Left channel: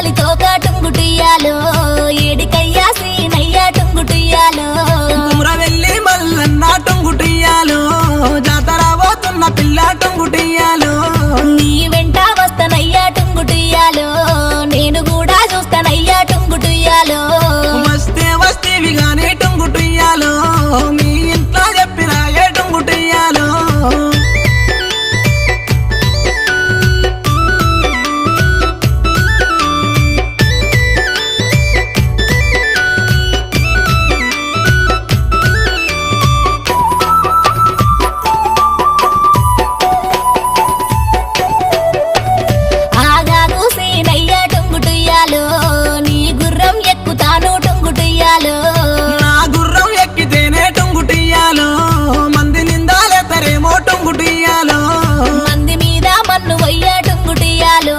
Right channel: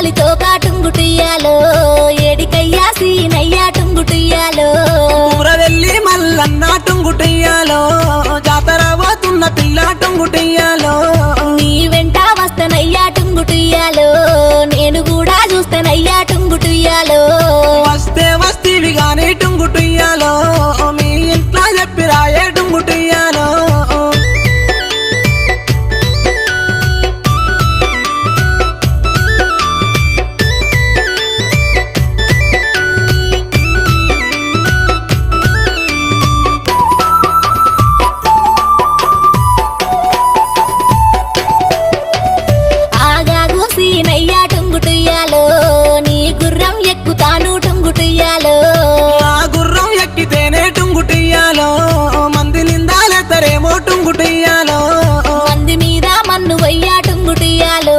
గాలి తోకా టుంగుటియాలో ఏడికయ్యా సీనయ్యా టుంగుటియాలో కుమ్రవెల్లి మల్లన్న టుంగుటియాలో జాతర పోతున్న పిల్ల టుంగుటియాలో నీ వెంట వస్తనయ్యా టుంగుటియాలో నేను కూడా చూస్తానయ్యా టుంగుటియాలో వస్తే వస్తీవి గాని టుంగుటియాలో మీ ఇంట్లో చెప్పిరాయే టుంగుటియాలో ఆగాగు సీనయ్యా టుంగుటియాలో నీ గుర్రం ఎక్కుతాను టుంగుటియాలో నా గుర్రం ఎక్కితేనే టుంగుటియాలో మంది నిందాలెత్తరేమో టుంగుటియాలో మంది మీద మన్ను వయ్యా టుంగుటియాలో